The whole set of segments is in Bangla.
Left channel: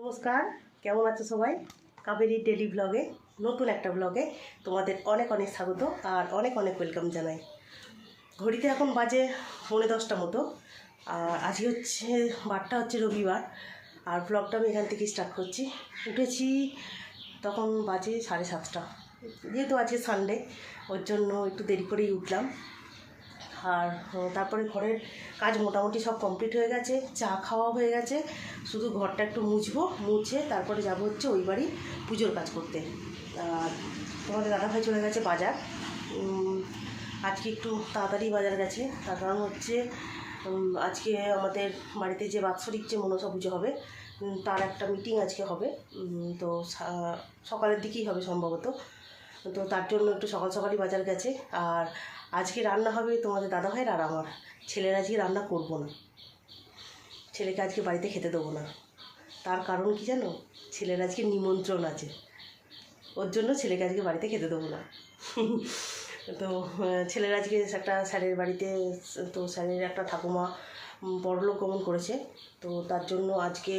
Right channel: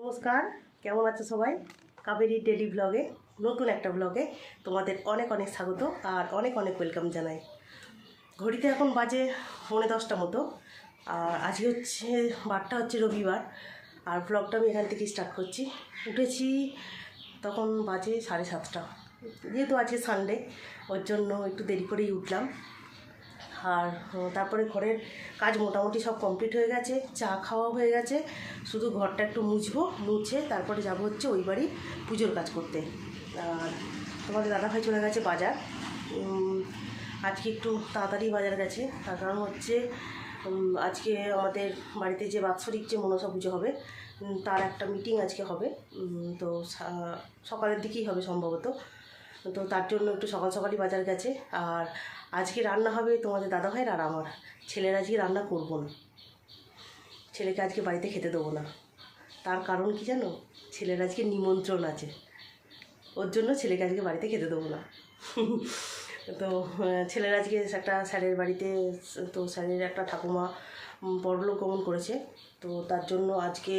নমস্কার, কেমন আছো সবাই? কাবেরী ডেলি ব্লগে, নতুন একটা ব্লগে তোমাদের অনেক অনেক স্বাগত আর অনেক অনেক ওয়েলকাম জানাই। ঘড়িতে এখন বাজে 10:45 মতো। আর আজকে হচ্ছে বারটা হচ্ছে রবিবার। আর ব্লগটা আমি এখান থেকে স্টার্ট করছি। উঠেছি তখন বাজে 7:30। যেহেতু আজকে সানডে, ওর জন্য একটু দেরি করেই উঠলাম। আর তারপরে ঘরের কাজ মোটামুটি সব কমপ্লিট হয়ে গেছে, চা খাওয়া হয়ে গেছে। শুধু ঘরটা একটু মুছে তারপরে যাব হচ্ছে ওই বাড়ি পুজোর কাজ করতে। আর তোমাদের দাদাভাই চলে গেছে বাজার। আজকে একটু তাড়াতাড়ি বাজার গেছে, তার কারণ হচ্ছে আজকে আমাদের বাড়িতে যে বাৎসরিক যে মনসা পুজো হবে তার একটা মিটিং আজকে হবে। তো সকালের দিকেই হবে সম্ভবত। তো তার জন্য একটু সকাল সকালই বাজার গেছে। আর আজকে রান্না হবে তোমাদের দাদাভাইয়ের আর আমার। ছেলের আজকে রান্না করব না, ছেলেকে আজকে বাড়িতে খেতে দেবো না। তার কারণ কি জানো? ছেলের আজকে নিমন্ত্রণ আছে, ওর জন্য ছেলেকে আজকে বাড়িতে খেতে দেবো না। তো ছেলের আজকে একটা স্যারের বাড়িতে, তো স্যারের একটা ঠাকুমা পরলোক গমন করেছে। তো তার জন্য আজকে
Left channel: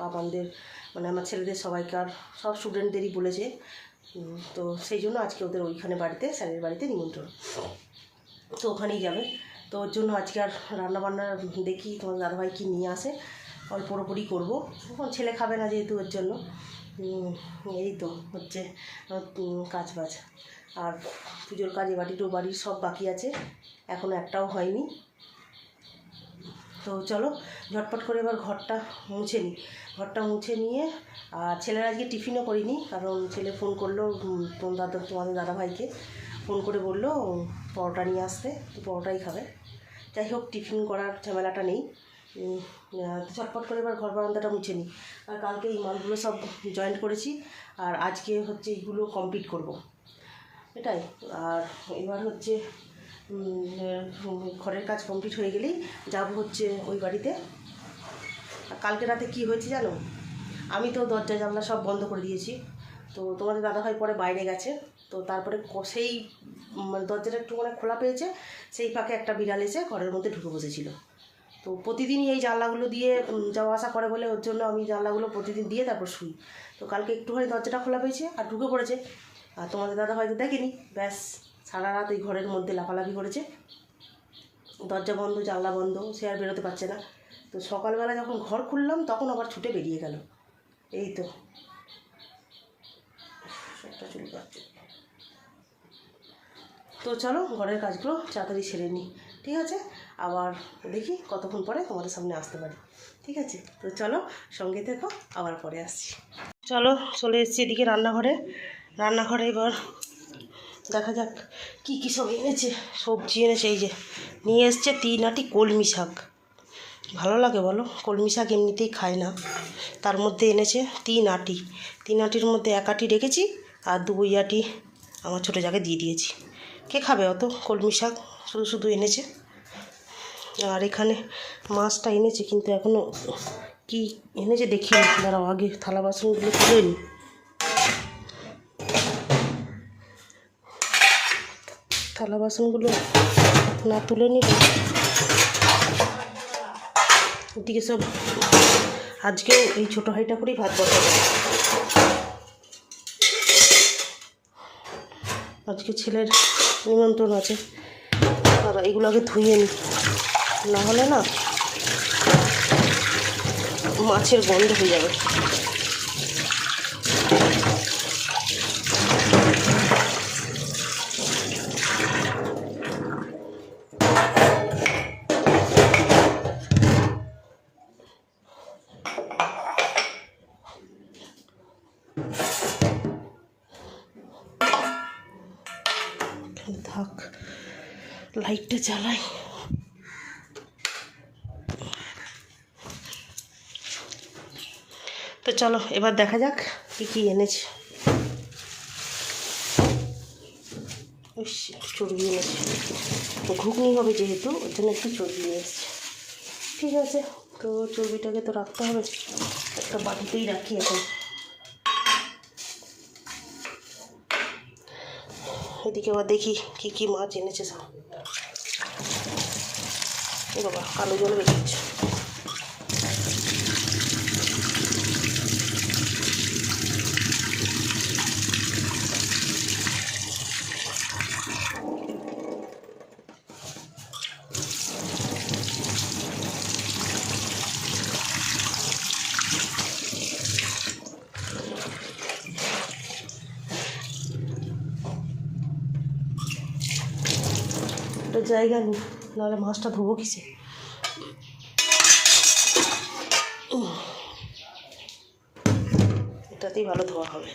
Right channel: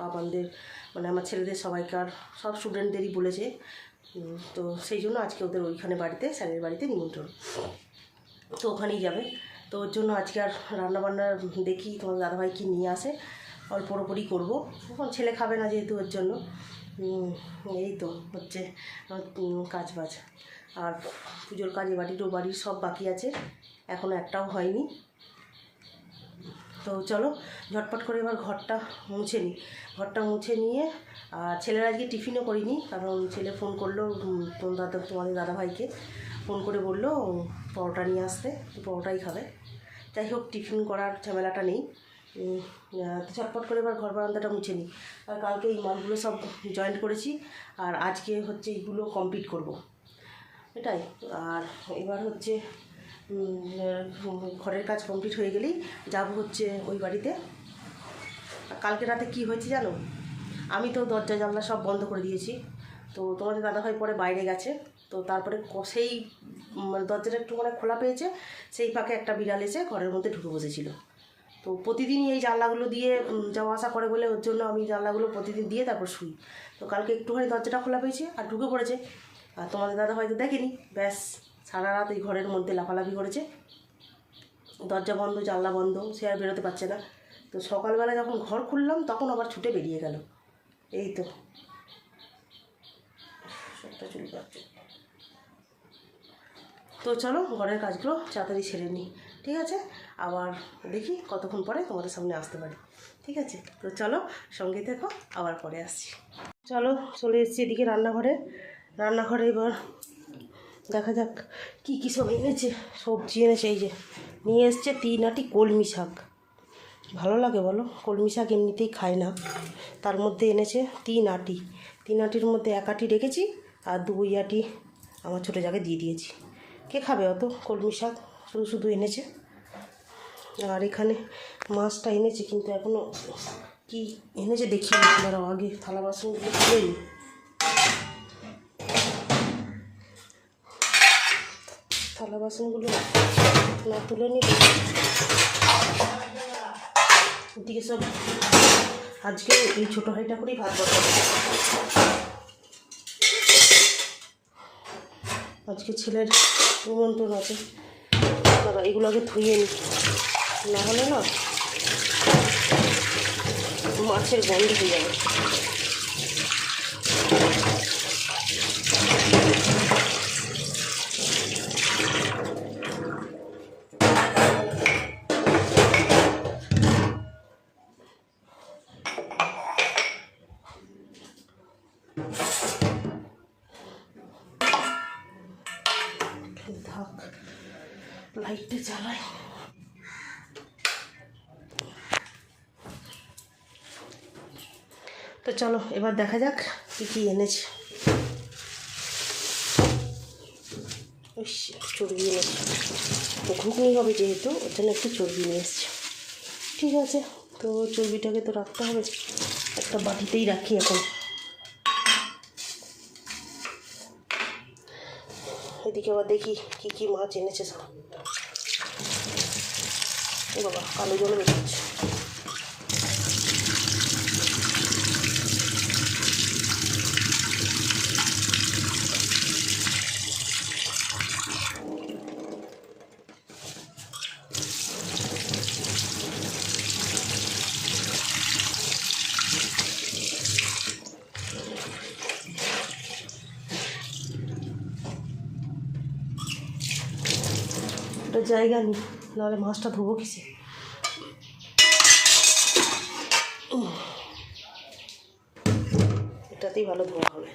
পাপানদের মানে আমার ছেলেদের সবাইকার সব স্টুডেন্টদেরই বলেছে। তো সেই জন্য আজকে ওদের ওইখানে বাড়িতে, স্যারের বাড়িতে নিমন্ত্রণ, তো ওখানেই যাবে। তো ওর জন্য আজকে আর রান্নাবান্না দেখি তোমার দাদাভাই কি নিয়ে আসে, অল্প অল্পই করবো। এখন ছেলে খাবে না যেহেতু, ওর জন্য এই তো হচ্ছে কাজ বাজ। আর পুজোর কাজ বাড়ির সব বাকি আছে, এখনও একটাও হয়নি। তো চলো ঝটপট করে এবার ঘরটা মুছে নিয়ে। আর ছেলের আজকে টিফিনও করিনি, কারণ ছেলে ফোন করলো তোমাদের দাদাভাইকে ফোন করে বললো পরোটা নিয়ে আসতে, তো পরোটাই খাবে। যাই হোক, টিফিন করার ঝামেলাটা নেই। ঝটপট করে এবার ঘর বারান্দাটা মুছে নিই। আর কালকে এই মালগুলো সব জয়েন্ট করেছি, আর আজকে হচ্ছে এইগুলো কমপ্লিট করব, এটাই। আর এবার হচ্ছে ঘরের কাজ কমপ্লিট হয়ে গেলেই যাব হচ্ছে ওই বাড়িতে। আর কালকে রাতে কি হয়েছে জানো? আমি তো দরজা জানলা সব বন্ধ করে দিয়েছি। তো তোমাদের দাদাভাই পরে বাইরে গেছে, তো তারপরে সেই মানে দরজাটা একটু মানে খোলা পেয়েছে, সেই ফাঁকে একটা বিড়াল এসে ঘরের মধ্যে ঢুকে বসেছিল। তো প্রতিদিনই এই জানলাগুলো দিয়ে যাওয়া আসা করে বলে ওর জন্য আমি জানলাগুলো প্রতিদিন দিয়ে তারপর শুই। তো কালকে একটুখানি দরজাটা খোলা পেয়েছে আর ঢুকে পড়েছে। আর তোমাদের দাদা হয়তো দেখেনি, ব্যাস সারা রাত ওই ঘরের মধ্যে লাফালাফি করেছে। দরজা বন্ধ, জানলা বন্ধ, সে আর বেরোতে পারছে না। তো সকালবেলা যখন ঘর খুললাম তখন আবার ছুটে বেরিয়ে গেল। এই তো সবটা চলে যাচ্ছে। তো চলো ঘরের কাজগুলো তাড়াতাড়ি সেরে নিই, ঠিক আছে? আবার দেখি কতক্ষণ পরে তোমাদের সামনে আসতে পারি, ঠিক আছে? তো চলো সঙ্গে থেকো, আবার পরে আসছি। চলো চলে এসেছি এদিকে রান্নাঘরে। এবার দেখা যাক কী কী সব এনেছে। সবজি এনেছে, এই যে নিয়ে এসছে 3 আঁটি কলমি শাক। ভালো লাগে বলো? কলমি শাক এমনিতেই খায় না, তার মধ্যে এনেছে 3 আঁটি। 3 আঁটির মধ্যে 1 আঁটি রেখেছি আর 2 আঁটি আমার ছোটো জায়গায় দিয়ে দিয়েছি। কে খাবে অত কলমি শাক? শুধু এনেছে। আর এখানে মাছটা এনেছে, কিন্তু এখনও কি এনেছে দেখিনি, দাঁড়াও আগে থালা বাসনগুলো তুলে নিই। থালা বাসনগুলো না তুলে নিই, ওদিকে সব আজকেও এই ছোটো হাঁড়িটা করেই ভাত বসাবো। আজকে ছেলের নিমন্ত্রণ আছে, দাদা এগুলো আগে ধুয়ে নিই, নাহলে না মাছের গন্ধ হয়ে যাবে। থাক, লাইটটা জ্বালাই। তো চলো এবার দেখা যাক কী কী এনেছে। একটু চর্বি এনেছে, ঘুগনি হবে যেহেতু, ওর জন্য একটু চর্বি নিয়ে এসছে। ঠিক আছে, তো চর্বিটাকে তো রাখতে হবে, একটা বাটিতেই রাখি এখন। এদিকে আবার দেখি কী কী মাছ এনেছে সব। বাবা কালো জল বেরিয়েছে। এটা জায়গা নেই, নাহলে মাছটা ধোবো কিসে। এটাতেই ভালো ধোয়া হবে।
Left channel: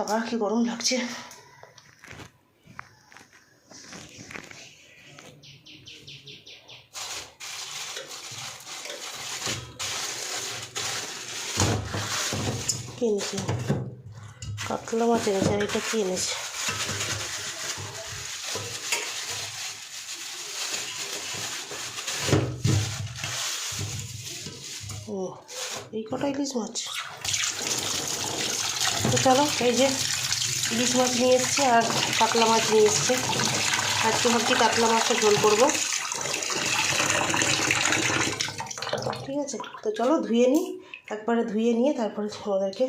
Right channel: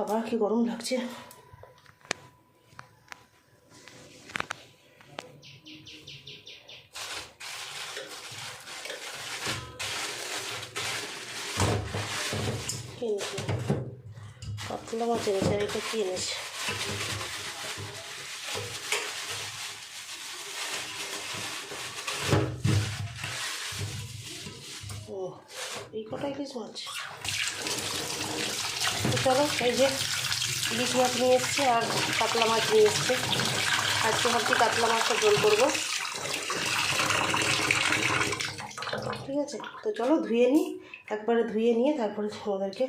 আবার কি গরম লাগছে। কি এনেছি? কাতলা মাছ এনেছে। আর এটা কি এনেছে? ও, এই কটা ইলিশ মাছ। চলো, এই যে ইলিশ মাছ নিয়ে এসছে আর কাতলা মাছ নিয়ে এসছে। আজকে ভাবছি কাতলা মাছটা ঝোল করবো, ঠিক আছে। তো চলো ধুয়ে নিই, একবারে ধুয়ে নিয়ে তারপরে তোমাদেরকে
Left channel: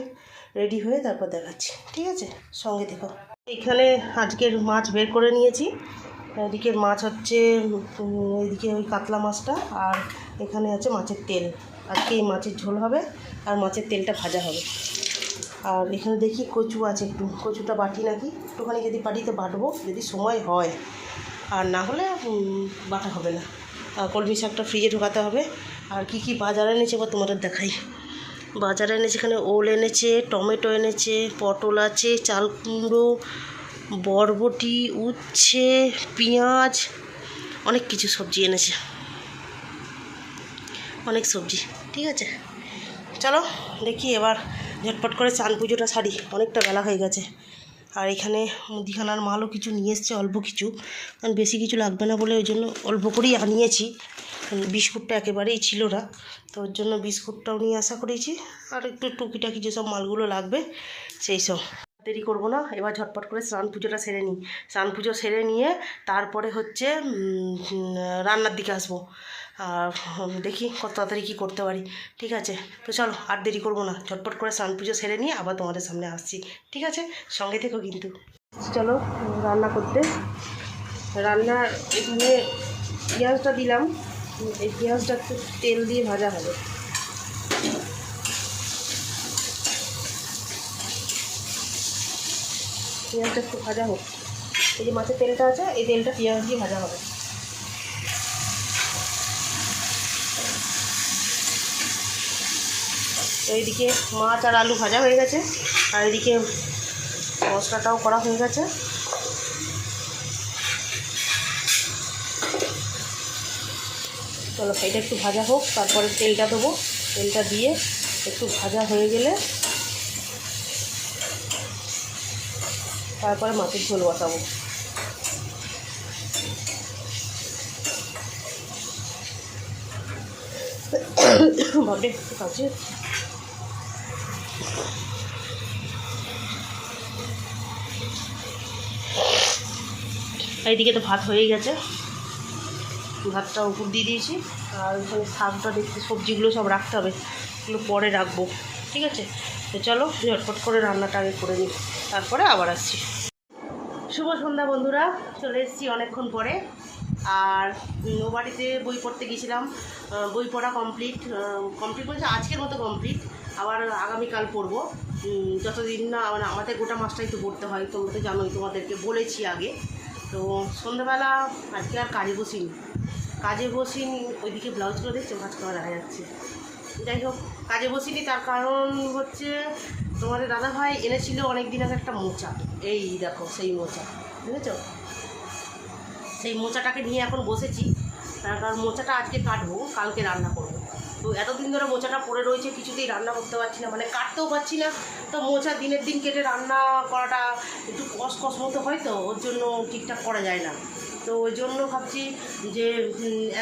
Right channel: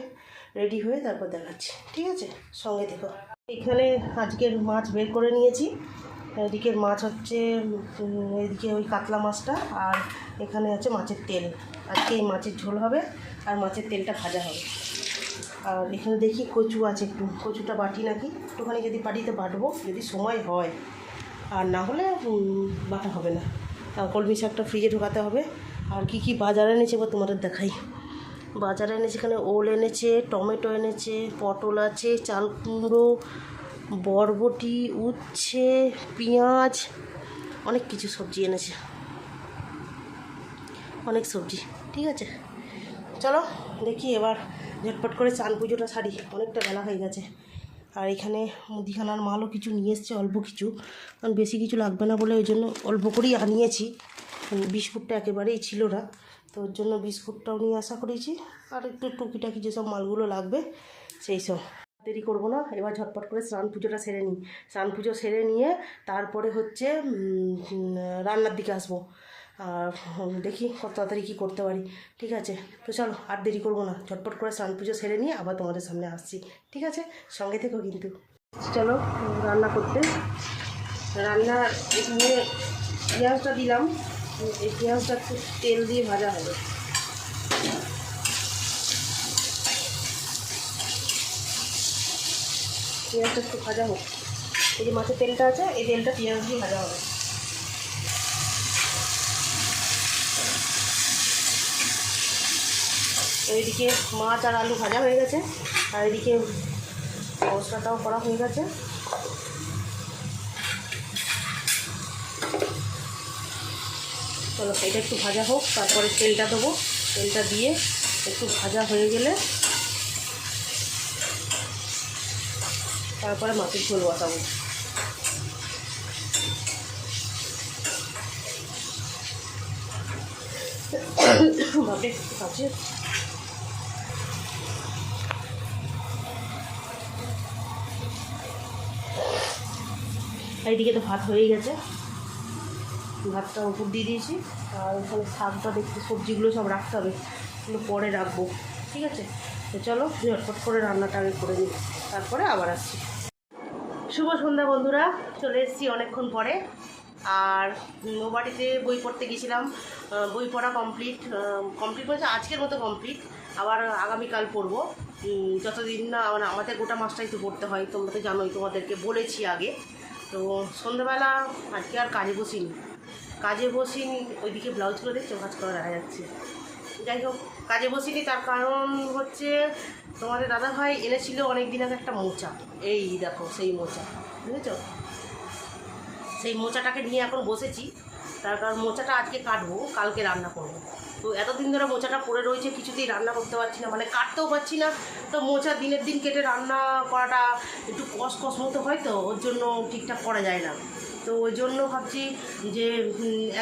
রেডি হয়ে তারপর দেখাচ্ছি, ঠিক আছে। সঙ্গে থেকো। এখানে আজকের মাছ বের করে নিয়েছি। এদিকের মাছ হচ্ছে এদিকে ওই কাতলা মাছটা, আর এখানে আছে মাছের তেল। আজকে এই মাছের ঝোল হবে আর মাছের তেলটা ভাজা হবে। আর এখানে দেখি কচু আছে, একটু কচুটা বাটি নাকি, একটুখানি যদি বাটিতে বাটবো যদি সময় হয়, আর না হলে বাটা হবে না। কলমি শাকটা ফ্রিজে ঢোকাতে হবে। আর কি কি বাজারে এনেছে এবার তোমাদের দেখাই। বাজারে এনেছে এখানে ওল এনেছে, টমেটো এনেছে, পটল আছে, চাল কুমড়ো, বরবটি, উচ্ছে, পেঁয়াজ, অনেক কিছু সবজি এনেছে, অনেক সবজি, ঠিক আছে। চলো দেখি এবার ঝটপট করে চান পুজোটা সারি, অনেকটা বেলা হয়ে গেছে। আর এখানে মুদিখানার মালও কিছু নিয়ে এসছে, অল্প কিছু, কারণ বেশি কিছু লাগবে না বলে ওই জন্য অল্প করেই আনিয়েছি। বিস্কুটটা একেবারেই ছিল না, তো ওর জন্য বিস্কুটটাও নিয়ে আসা করেছি। আর একটু টুকিটাকি যেসব মালগুলো লাগবে সেই সব। দেরি করবো না, এবার ঝটপট করে স্নান পুজোটা সেরে নিই। স্নান পুজো সেরে নিয়ে তারপরে হচ্ছে রান্নার দিকে আসবো। আর দেখি কত তাড়াতাড়ি কী করতে পারি, ঠিক আছে। তো চলো আর দেরি করবো না, ঝটপট করে স্নান পুজো সেরে নিয়ে আবার তোমাদের সামনে আসছি, ঠিক আছে। সঙ্গে থেকো কিন্তু। চলো রান্না করতে। রান্নার এখানে পেঁয়াজটা দিলাম, এই পেঁয়াজটা একটু তেল দিয়ে ভাজা হবে। পেঁয়াজটা একটু ভাজা হোক। এই যে মাছের তেলটা আছে, এই তেলটা পেঁয়াজ দিয়ে ভাজা হবে। তো এইদিকে মাছ আর আলু ভাজা হয়ে গেছে, আর এদিকে মশলাটাও করা হয়ে গেছে। চলো এটা একটু ভাজা হোক, তারপরে তেলটা দেবো। তেলটা দিয়ে একটু ভাজা হয়ে গেলে তারপরে মাছের ঝোল বসাবো। ভাবে একটু কাছে এইদিকে তো ভাত হয়েই গেছে, ভাতটা উপর দিয়ে দিয়েছি। আর ওখানে শাকটা দেখতে, সবজিগুলো সব রাখতে হবে, এগুলো পরে রাখবো, ঠিক আছে। তো চলো ঝটপট করে রান্নাটা আগে করে নিই, তারপরে আবার আসছি। শুভ সন্ধ্যা বন্ধুরা, চলে এসেছি অনেকক্ষণ পরে। আর ও বাড়িতে বই পড়তে গেছিলাম, বই পড়া কমপ্লিট বলছে আজকের মতো কমপ্লিট। আবার আগামীকাল পড়বো, যতদিন না মানে আমাদের গোটা মাসটাই তো পড়তে হয়, তোমরা তো জানোই, তোমাদেরকে বলেছি আগে। তো সন্ধ্যাবেলা আজকে আর কাজে বসিনি, ওইদিকে ব্লাউজগুলো দেখছো ভাঁজ করা দেখা যাচ্ছে। যাই হোক, কাজে বসিনি, তার কারণ হচ্ছে তোমাদের দাদাভাই এনেছিল অনেক দিন আগে একটা মোচা। এই দেখো সেই মোচা, বুঝেছো? সেই মোচাটাকে নিয়ে এখন বসেছি, তার কারণ মোচাটা আজকে কাটবো, কালকে রান্না করবো। তো এতদিন ধরে মোচাটা পড়ে রয়েছে, কিছুতেই রান্না করতে পারছি না, মানে কাটতেও পারছি না। তো মোচা দিনের দিন কেটে রান্না করাটা একটু কষ মতো হয়, তো ওর জন্য ঠিকঠাক করা যায় না। তো ওই জন্য ভাবছি যে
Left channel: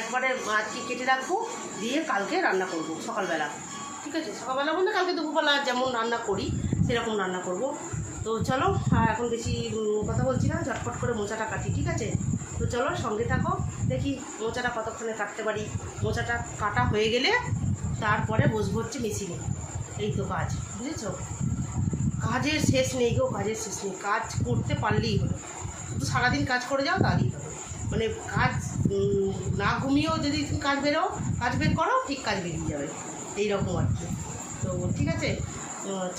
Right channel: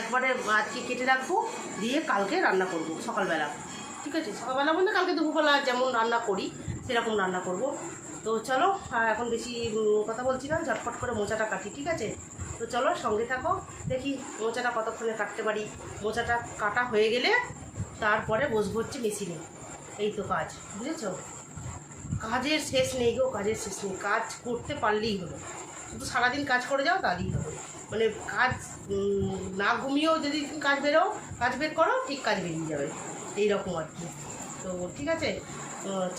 একবারে আজকে কেটে রাখবো, দিয়ে কালকে রান্না করব সকালবেলা, ঠিক আছে। সকালবেলা বলতে কালকে দুপুরবেলা যেমন রান্না করি সেরকম রান্না করব। তো চলো এখন বেশি কথা বলছি না, ঝটপট করে মোচাটা কাটি, ঠিক আছে। তো চলো সঙ্গে থাকো, দেখি মোচাটা কতক্ষণে কাটতে পারি। মোচাটা কাটা হয়ে গেলে তারপরে বসবো হচ্ছে মেশিনে। এই তো কাজ, বুঝেছো? কাজের শেষ নেই গো, কাজের শেষ নেই। কাজ করতে পারলেই হলো, শুধু সারাদিন কাজ করে যাও তাহলেই হবে। মানে কাজ না ঘুমিয়েও যদি কাজ বের করো, ঠিক কাজ বেরিয়ে যাবে, এইরকম আর কি। তো ঠিক আছে,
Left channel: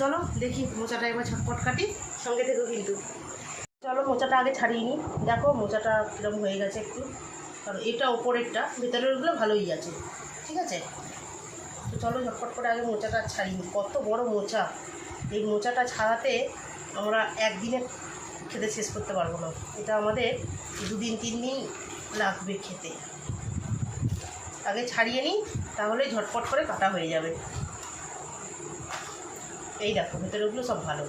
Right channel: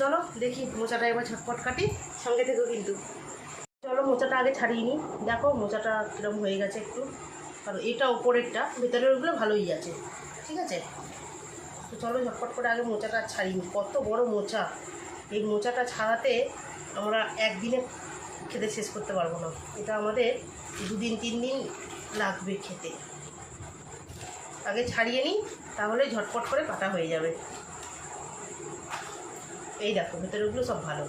চলো দেখি মোচাটা একবার ঝটপট কাটি, সঙ্গে থেকো কিন্তু। চলো মোচাটা আগে ছাড়িয়ে নিই। দেখো মোচাটা কীরকম হয়ে গেছে একটু, কারণ এটা ওপরেরটা, ভেতরেরগুলো ভালোই আছে, ঠিক আছে। তো চলো ঝটপট করে আগে মোচাটা ছাড়িয়ে নিই। কত বড় মোচা, এই মোচাটা ছাড়াতে আমরা একদিনে খেতে শেষ করতে পারবো না, এটা আমাদের 2 দিন 3 দিন লাগবে খেতে। আগে ছাড়িয়ে নিই, তাহলে ঝটপট করে কাটা হয়ে যাবে। এই দেখো ভেতরেগুলো সব ভালো।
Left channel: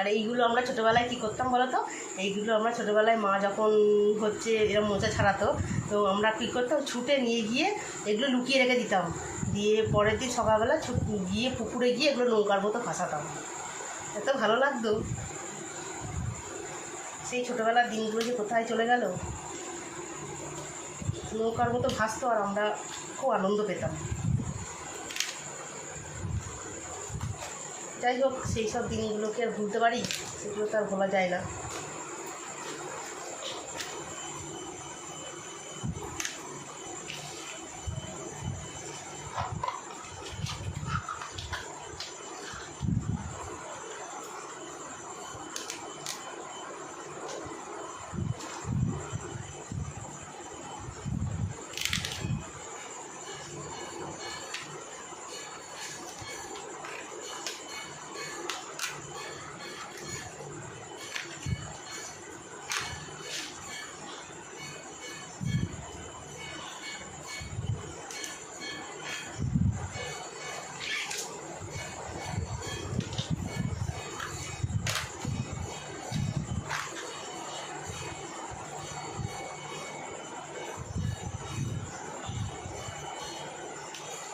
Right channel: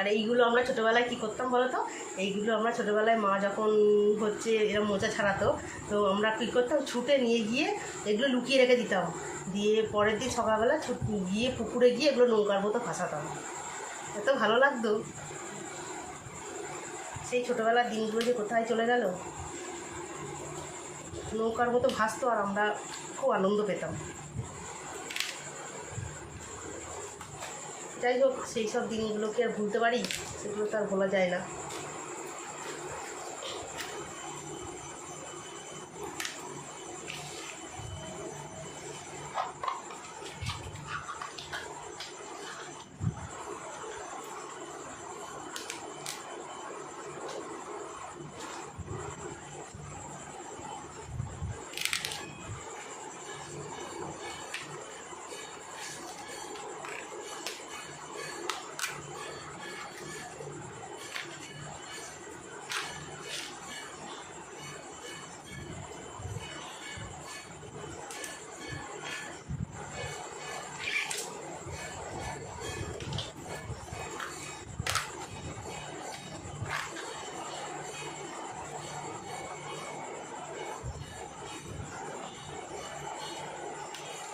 আর এইগুলো আমরা ছোটোবেলায় কী করতাম বলো তো, এইগুলো আমরা ছোটোবেলায় মা যখন হচ্ছে এরকম মোচা ছাড়াতো, তো আমরা কী করতাম, ছুটে নিয়ে গিয়ে এগুলো লুকিয়ে রেখে দিতাম, দিয়ে পরের দিন সকালবেলা গিয়ে পুকুরে গিয়ে এগুলো নৌকার মতো ভাসাতাম। এত ভালো লাগতো। সেই ছোটোবেলার দিনগুলো যে কোথায় চলে গেল। নৌকার মতো ভাসতো আর আমরা খুব আনন্দ পেতাম। যাই হোক, সেই সব দিনগুলোকে আর ভুলতে পারি? সেগুলো তো আর ভোলা যায় না।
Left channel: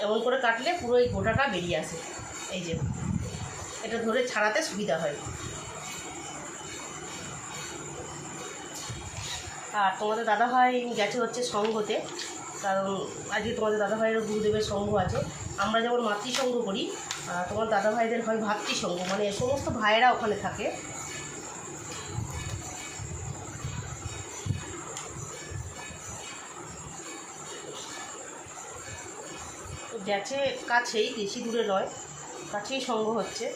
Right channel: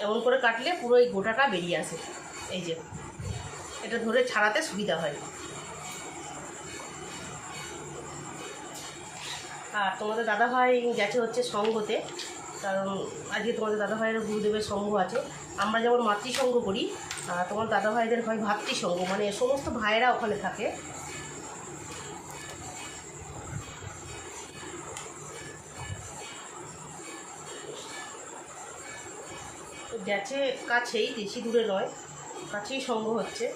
এমন করে কাটলে পুরো এই গোটাটা বেরিয়ে আসে। এই যে এটা ধরে ছাড়াতে সুবিধা হয়। আর তোমাদের দাদাভাই গেছে হচ্ছে সঙ্ঘতে, কারণ আজকে তোমাদের দাদাভাইয়ের গুরুদেবের সঙ্ঘ আছে। আমরা যেমন মাতৃসঙ্ঘ করি, আর তোমার দাদাভাইদের হয় ভাতৃসঙ্ঘ, মানে সমস্ত ভাইয়েরা ওখানে থাকে। গেছে কাছেই, বেশি দূরে নয়, কাছেই সঙ্ঘ হচ্ছে।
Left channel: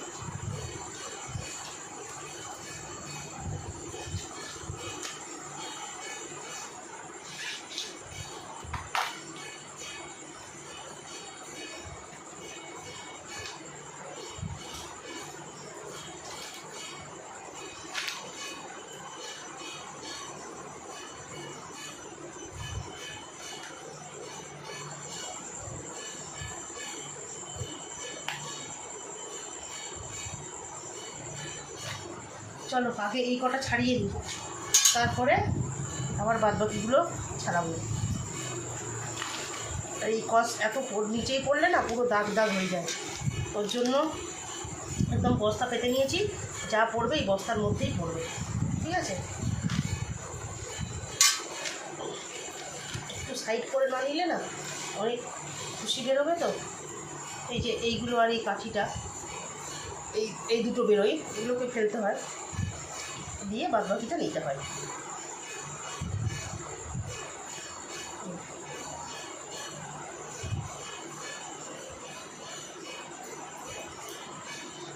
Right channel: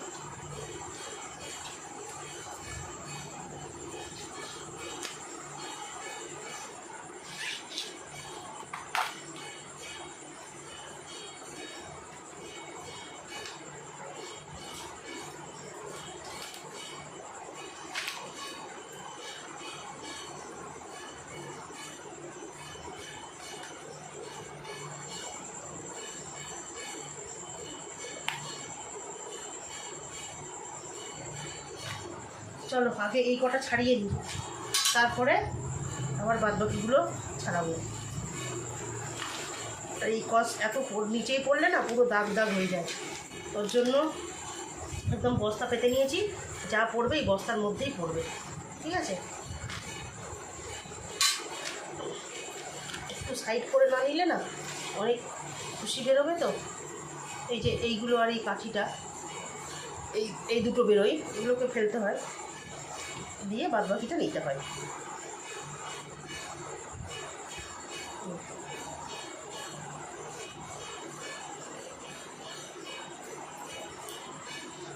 চলো আগে এই কটা ছাড়িয়ে নিই, তারপরে আবার বাদবাকিগুলো ছাড়াবো। আর এই কস এত নিচেই পড়লে না পুরো দাগ দাগ হয়ে যায়, ওর জন্য একদম বস্তা পেতে নিয়েছি, যা পড়বে এই বস্তার মধ্যেই পড়বে, ঠিক আছে। একটু সাইড করে না নিলে না অনেক খুশি বেরোবে। তো এই যে এইগুলো আর এই কাঠিটা, এই দুটো বেরোয়, এগুলোকে ফেলতে হয়, দিয়ে বাদবাকিটা নিতে হয়।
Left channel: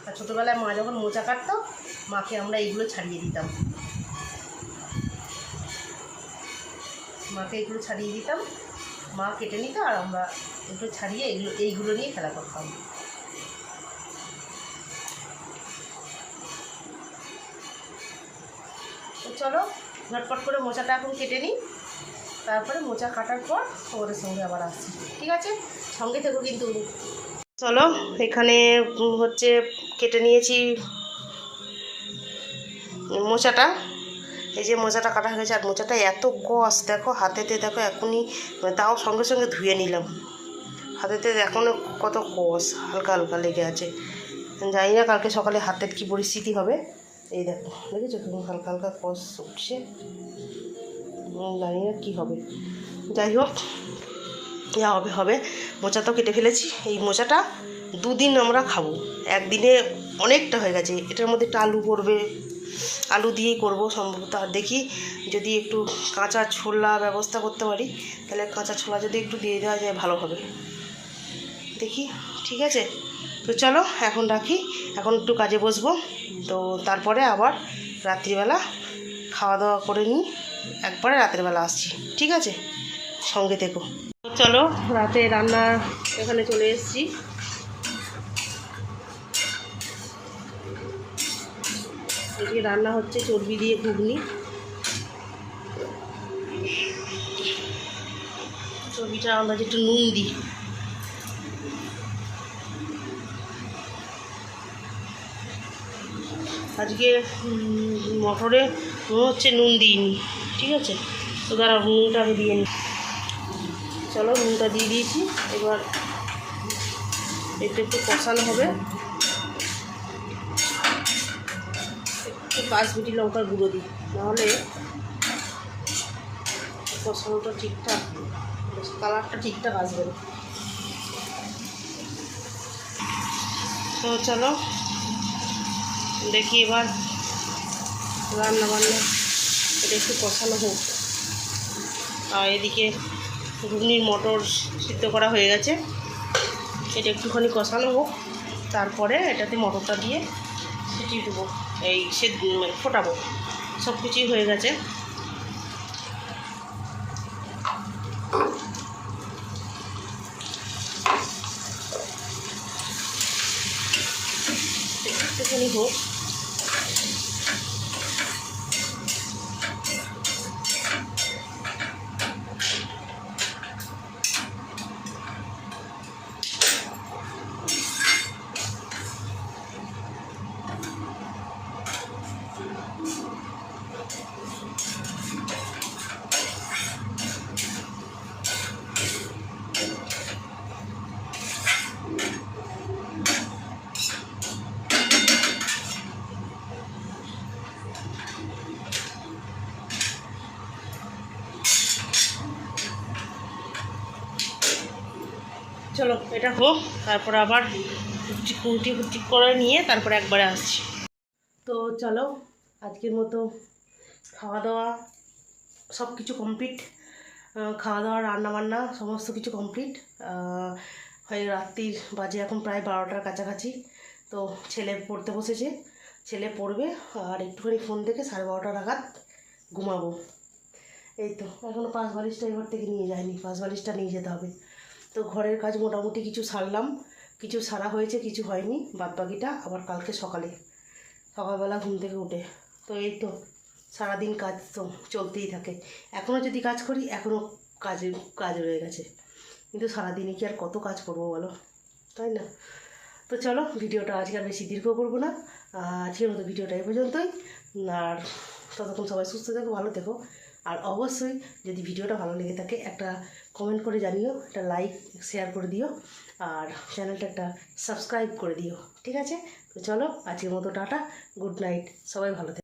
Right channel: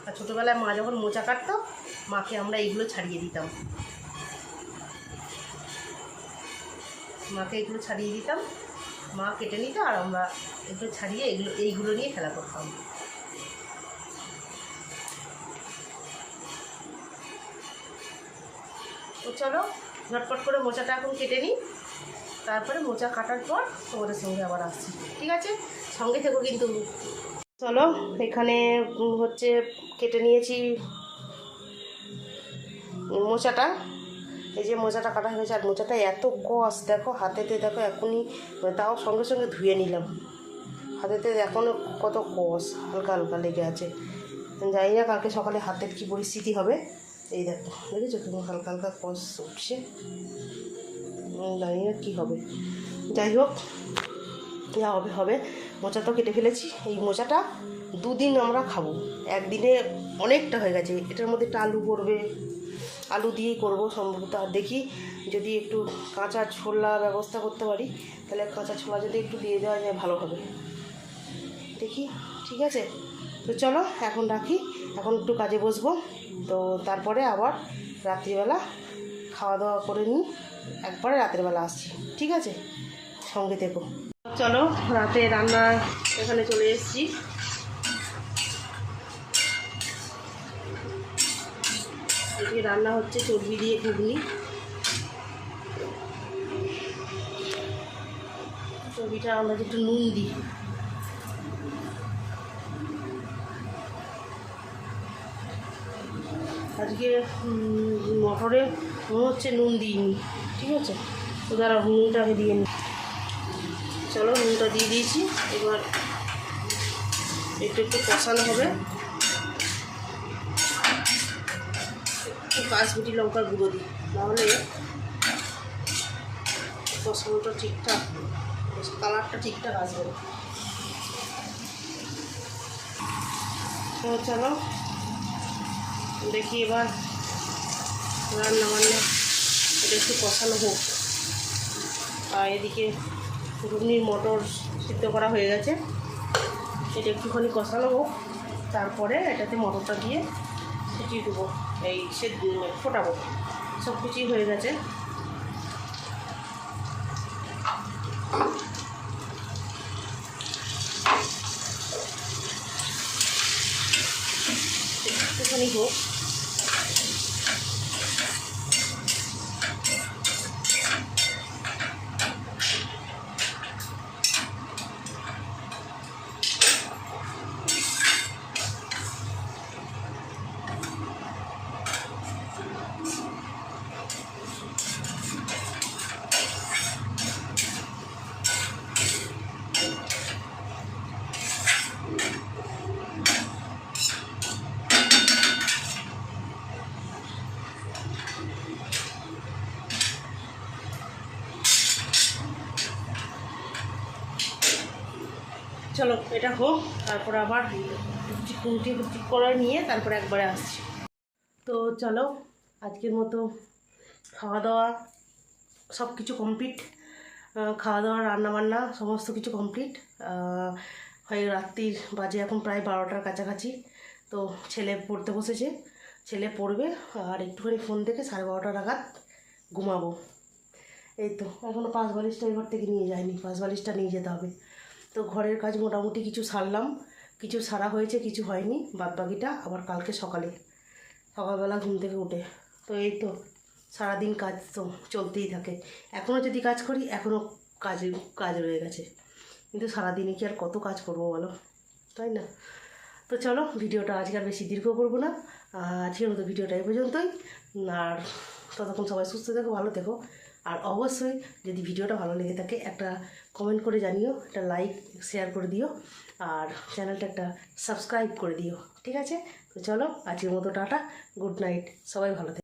আর ছোটোবেলায় মা যখন মোচা কাটতো, মাকে আমরা এইগুলো ছাড়িয়ে দিতাম, মাকে এইগুলো ছাড়িয়ে দিতাম, মা কেটে নিত আর আমরা এগুলো ছাড়িয়ে এইগুলো নিয়ে খেলা করতাম। তো চলো ঝটপট করে মোচাটা এখন কেটে নিই, তারপরে মোচা কাটার পর তোমাদের সঙ্গে আবার আসছি, ঠিক আছে, সঙ্গে থেকো কিন্তু। চলো এখানে হচ্ছে কেটে নিয়েছি মোচাটা, এই যে মোচাটা কাটা হয়েছে। আর মোচাটা এত কষ দেখো, হাতেতে দেখো এখনই, তাও সঙ্গে সঙ্গে ধুয়ে নিলাম, হাতেতে এখনও কত কষ হালকা হালকা লেগে আছে। জানি না কালকে সকালে হাতের কী পরিস্থিতি হবে। এই দেখো দেখেছো তুমি, হালকা হালকা কষ উঠছে, জানি না কী হবে। যাই হোক, যা হবে হবে। মোচা তো কেটে ফেলেছি, এই মোচাটা 2 দিন আমরা খাবো, একদিনে অনেকটা হয়ে গেছে। এটার মধ্যে একটু আলু পড়বে, আলু দিয়েই করব সম্ভবত। আর দেখি যদি একটু কাঁচা ছোলা ব্যবস্থা করতে পারি, তাহলে কাঁচা ছোলা যদি একটু দিয়ে দেওয়া যায় ভালো হবে, দেখি। ঠিক আছে, তো চলো এখন রাখি, এখন একটু কাজে বসবো। তো তারপরে আবার রাত্রিবেলা খাওয়া দাওয়া করে নিই, একবারে রাতের বেলা আসছি। ঠিক আছে, সঙ্গে থেকো। চলো রাতে রান্না এখানে চলে এসেছি। এদিকে রান্না হচ্ছে চর্বি দিয়ে ঘুগনি, চর্বিটা আমরা একটু নুন দিই। আজকে মটরে মনে হচ্ছে নুন দিইনি। ঠিক আছে, তো দাঁড়াও নুনটা আগে দিয়ে নিই। চলো নুনটা দিয়ে দিয়েছি, এবার একটু কষানো হবে। একটু কাশ্মীরি লঙ্কার গুঁড়ো দিই, নাহলে কষানোটা ঠিকঠাক, কালারটা ঠিকঠাক আসবে না। তো চলো দেখি এবার রান্না বান্না এটা একটু কষানো হোক। আর এদিকে ঘুগনির মটর সিদ্ধ করা হয়ে গেছে, এটা একটুখানি কষানো হোক, তারপরে এটাতে মটরটা দিয়ে ফুটিয়ে দেবো, এই ফোটাবো। সব কিছুই হয়ে গেছে। একটুখানি হোক। চলো এটা হোক, তারপরে আবার কুটি করে নিয়ে তারপরে একবারে আসছি। তো চলো আজকের মতো খাওয়া দাওয়া সব কিছু কমপ্লিট, খাওয়া দাওয়া রান্নাবান্না সমস্ত কিছু কমপ্লিট হয়ে রাত্রির বাজে এখন প্রায় 12টার কাছাকাছি। তো ছেলে পড়তে বসেছে, ছেলে পড়বে, আর একটুখানি ফোন দেখে 12:30 নাগাদ ঘুমাবো। এই তো এখনও পাঁচ বালিশটা এবার থেকে নিয়ে যায়নি, পাঁচ বালিশটা নিয়ে যেতে হবে। তো ঘরের কাজ মোটামুটি কিছু সারলাম, কিছু সারা হয়েছে, কিছু হয়নি, বাদবাকিটা আবার কালকে সকালবেলা ঘুম থেকে উঠে। তো এই তো সারাদিন কাজ তো চলতেই থাকে। এখনও যদি কাজ করি এখনও কাজ রয়ে গেছে, কিন্তু সারাদিনে কি আর কত কাজ করবো বলো, তাই না? তো চলো ভিডিওটা আজকে আর বেশি দীর্ঘ করবো না, আজকের মতো ভিডিওটা এই পর্যন্তই। আর ততক্ষণ সবাই সুস্থ থেকো, ভালো থেকো। আর অবশ্যই যদি ভিডিওটা ভালো লেগে থাকে একটা কমেন্ট করে জানিও, একটা লাইক শেয়ার করে দিও, আর চ্যানেলটা একটা সাবস্ক্রাইব করে দিও। ঠিক আছে, তো চলো আজকের মতো টাটা, গুড নাইট, সবাই ভালো থেকো।